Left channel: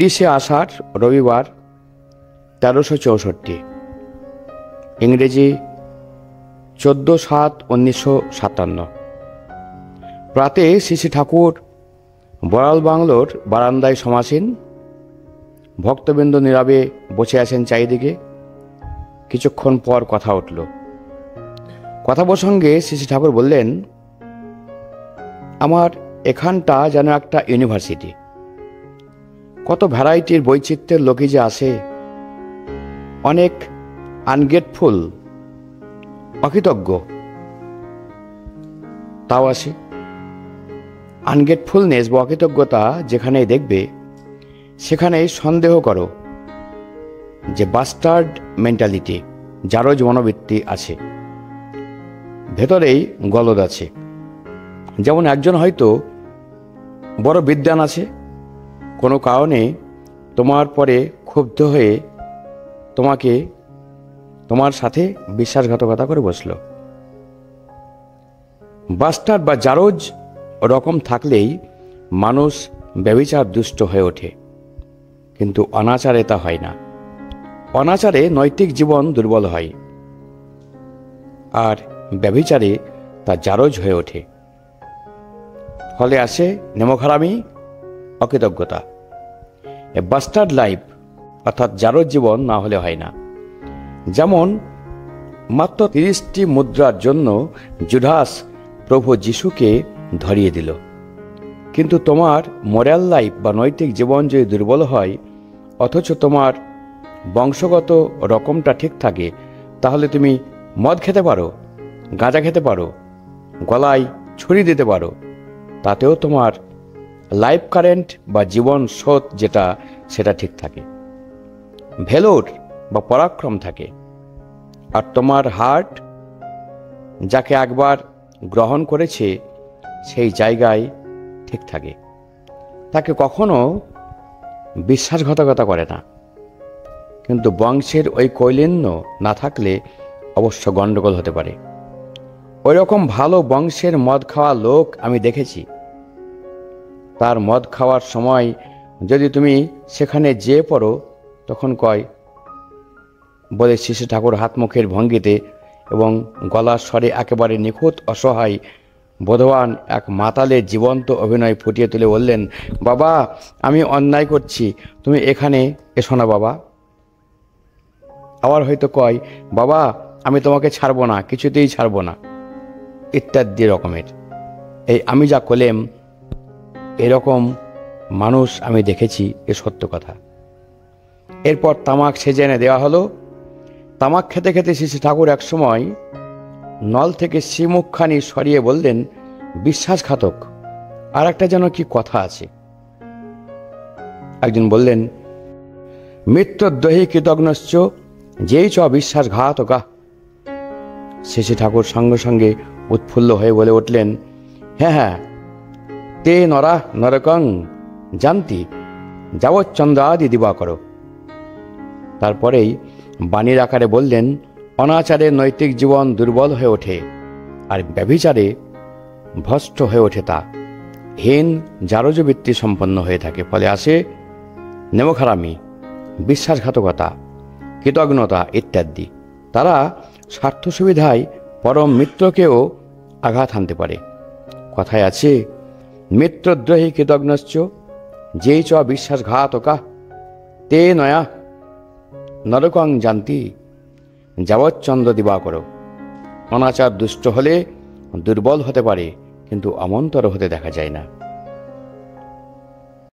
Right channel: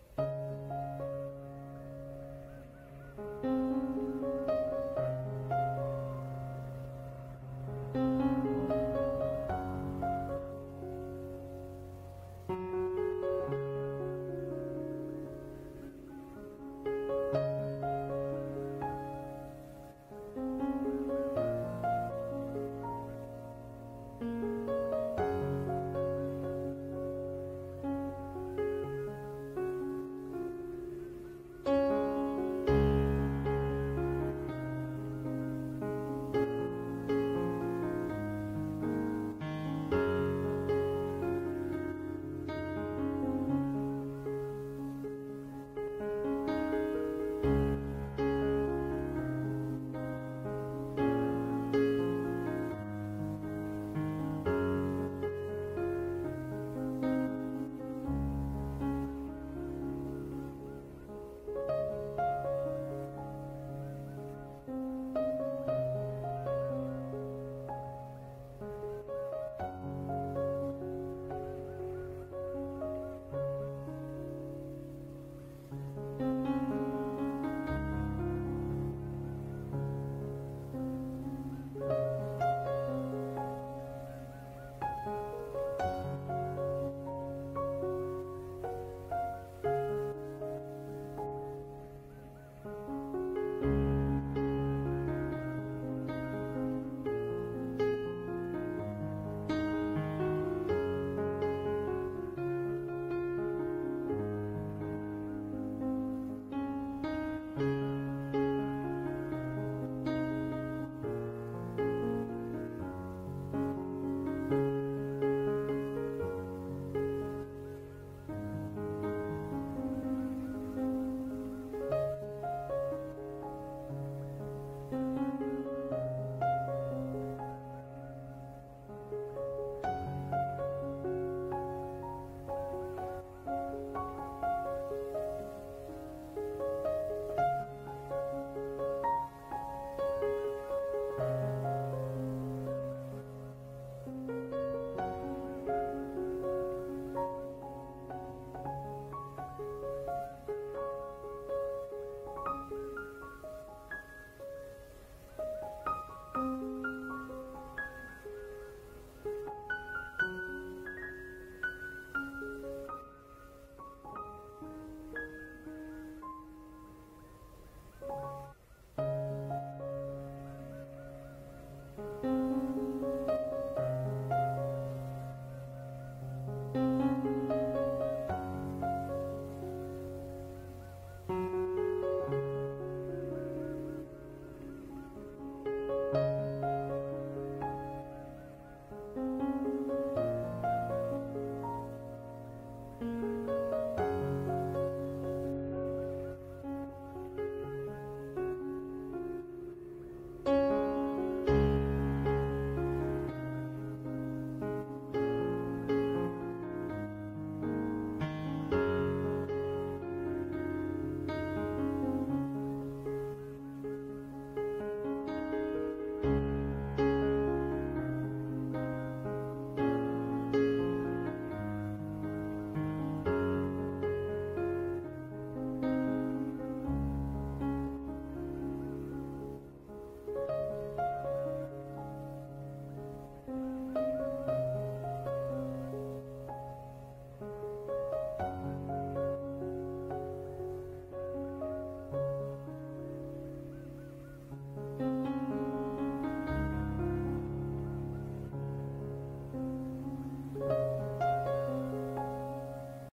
30শে আষাঢ় রবিবার 1364, ইংরেজি 14/7/1957। প্রাতে শ্রী শ্রী ঠাকুর বড়াল বাংলোর বারান্দায় সমাসীন, ভক্তবৃন্দ নীরবে বসে আছেন চারিদিকে। কিছুক্ষণ পর কথা উঠল। কথা প্রসঙ্গে শ্রী শ্রী ঠাকুর বললেন, আমার এখানটা যেন একটা ইউনিভার্সিটি। কত ভ্যারাইটির বৈচিত্র্যের লোকই যে আসে। অনেক আনগ্রেটফুল, অকৃতজ্ঞ, তাও আসে। আনগ্রেটফুলনেস বা অকৃতজ্ঞতা যেখানেই দেখবে সেখানেই সন্দেহ করো যে বাস্টার্ড মেন্টালিটি, জারজ মনোবৃত্তি আছে, ভেতরেই গলদ আছে। যেমন একজন হয়তো বড় বিদ্বান আছে, কোনো কারণে তোমার পরে ক্ষুব্ধ হয়ে তোমার সাথে বিশ্বাসঘাতকতা করে বসল। বাস্টার্ড বা জারজ রকম থাকলেই মানুষ ব্যভিচার দুষ্ট হয়ে ওঠে, কিন্তু অনাচারে তা হয় না। অনাচারে নৈতিক জীবন দুর্বল হয়, আর ব্যভিচারে তা জারজ হয়ে ওঠে। ফলে আসে নেমখারামি, অকৃতজ্ঞতা। এ বাস্টার্ড লাইফ অর্থাৎ জারজ জীবন না হলে হয় না। যেমন মাত্র 30টি মুদ্রার জন্য জুডাস প্রভু যিশুকে ধরিয়ে দিল। কিন্তু তোমার মোরাল লাইফ বা নৈতিক জীবন যদি দুর্বল হয়, অথচ তোমার বংশগত রকমটা ঠিক থাকে, তাহলে তুমি মদ খেতে পারো, গাঁজা খেতে পারো, গলায় ছুরি দিতে পারো, তাতেও তোমার লাইফ কারেন্ট বা জীবন স্রোত যেটা সেটা ঠিক থাকে, ভেলোর বা পরাক্রম থাকে। আর তোমার হার্ট যাকে একবার গ্রহণ করেছে সেই জায়গায় ঠিক থাকে, তাকে কখনো বিশ্বাসঘাতকতা করে না। কিন্তু বংশের ওই কৈলিন্য না থাকলে অবশ্য গণ্ডগোল হতে পারে। ওই রকম ভালো বংশের মদ খাওয়া লোক আমি দেখেছি। তার মদ খাওয়ার সময় যদি তুমি সেখানে যেয়ে পড়ো, তখন কয় বলে শ্রী শ্রী ঠাকুর হাত মুখের ভঙ্গিতে এবং গলার স্বরে একেবারে নিখুঁত অসহায় বোধবান এক মাতালের জীবন্ত অভিনয় ফুটিয়ে তুলে বললেন, বাবা আমি অন্যায় করছি, তুমি এখানে এসো না বাবা। আবার হয়তো কয়, বাবা আমি তোমাকে ছাড়বো না, কিছুতেই ছাড়বো না, ইত্যাদি রকমের। এই আমি যা কলেম, এরকম মানুষ আমি দেখেছি, এ সত্য কথা। এরপর তামাক সেজে এনে দেওয়া হলো। তামাক খেতে খেতে শ্রী শ্রী ঠাকুর এক সময় নল থেকে শ্রীমুখখানি সরিয়ে বললেন, বিশ্বাসঘাতক। আর একটা যেন কি কথা আছে। একজন বললেন, মিত্রদ্রোহী কৃতজ্ঞশ্চ যেই চ বিশ্বাসঘাতকা। শ্রী শ্রী ঠাকুর সঙ্গে সঙ্গে উৎফুল্ল হয়ে বলে উঠলেন, হ্যাঁ হ্যাঁ, তে নরা নরকং জানতি যাবচ্চন্দ্রাদি দিবাকর। তারপরেই বাণীর আকারে বললেন, অনাচারে নৈতিক জীবন দুর্বল হয়ে ওঠে, আর ব্যভিচারে ভ্রষ্ট হয়ে ওঠে তা হীন জারজবৃত্তি সম্পন্ন হয়ে থাকে। ফলে আসে নেমখারামি, বিশ্বাসঘাতকতা, কৃতজ্ঞতা ইত্যাদি। তারা স্বার্থ সুবিধায় পরম মিত্রকেও আঘাত হানতে পারে। কথায় আছে, মিত্রদ্রোহী কৃতজ্ঞশ্চ যেই চ বিশ্বাসঘাতকা তে নয়া নরকং জানতি যাবচ্চন্দ্র দিবাকর। অনাচার দুষ্ট হলে দুর্বল হতে পারে, কিন্তু অমন্তর হতে দেখা যায় না।